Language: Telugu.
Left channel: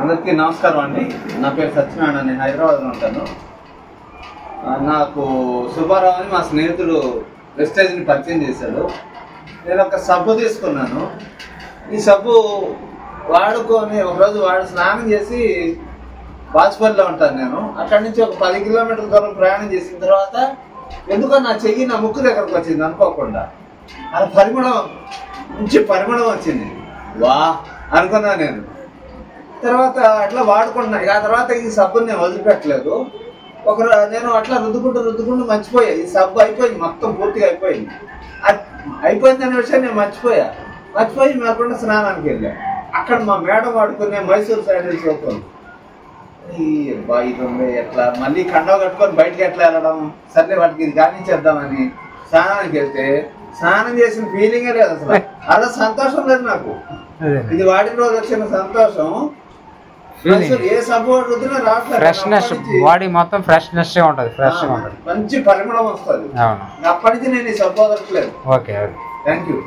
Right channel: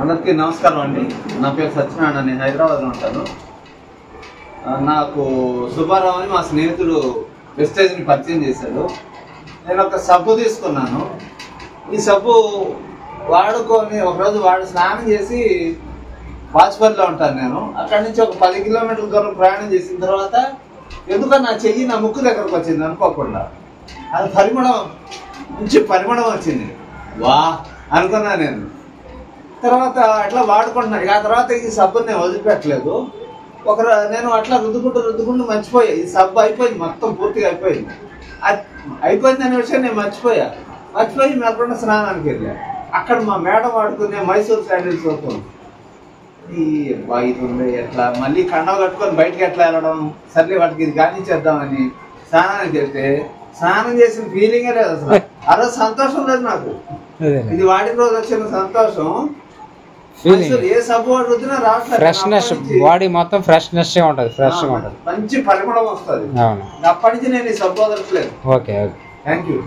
అందరికీ నమస్కారం అండి. నా పేరు సత్యనారాయణ, నేను హైదరాబాద్లో ఉంటాను. నాకు సుబ్బారావు అని మా స్నేహితుడు వెస్టేజ్ని పరిచయం చేశాడు. నేను ఒక సబ్బు తీసుకున్నాను. ఈ సబ్బు వాడుకొని ఒకరోజు స్నానం చేసి వాజ్పేయిలో ఉంటాను నేను. అక్కడి నుంచి ఒక 10 కిలోమీటర్ల దూరం ప్రయాణం చేసిన తర్వాత ఎందుకో నా చెయ్యి నా ముక్కు దగ్గరకు వచ్చింది అనుకోకుండా. అది మంచి పరిమళం వచ్చింది. వా అనుకున్నా నేను. తర్వాత అట్లా వాడుకుంటున్నా. ఆ తర్వాత ఈ సబ్బుని నేను వదిలిపెట్టలేదు. నేను అట్లా రుద్దుకుంటూ మర్చిపోయా. ఈ సబ్బు అయిపోయింది, మొత్తం పూర్తిగా అయిపోయింది. అయిపోయిందనే విషయం నేను మర్చిపోయి మేకుండా స్నానానికి వెళ్ళా. అక్కడ మా మేడం వాడుకునే మైసూర్ శాండిల్ సోప్ ఈ ఇటుంది. ఎట్లా మళ్ళీ కండవ కట్టుకొని బయటకు ఎట్లా వెళ్ళడం, సర్లే వాటికి ఇది కానిచ్చేద్దామని స్నానానికి వెళ్తే స్నానం చేసిన ఫీలింగే లేదు అసలు. ఆ రోజు సంతోషం లేదు నాకు. ఇది వాడిన రోజు వచ్చిన సంతోషం ఏ సబ్బు రుద్దినా రావట్లేదు. ఫ్రెష్నెస్, బాడీ మొత్తం ఫ్రెష్నెస్ ఉంటుంది, ఫ్రెష్ గా ఉంటుంది, మంచి పరిమళం వస్తుంది. అప్పటి నుంచి నేను ఈ సబ్బు వదలట్లేదు. Okay, thank you.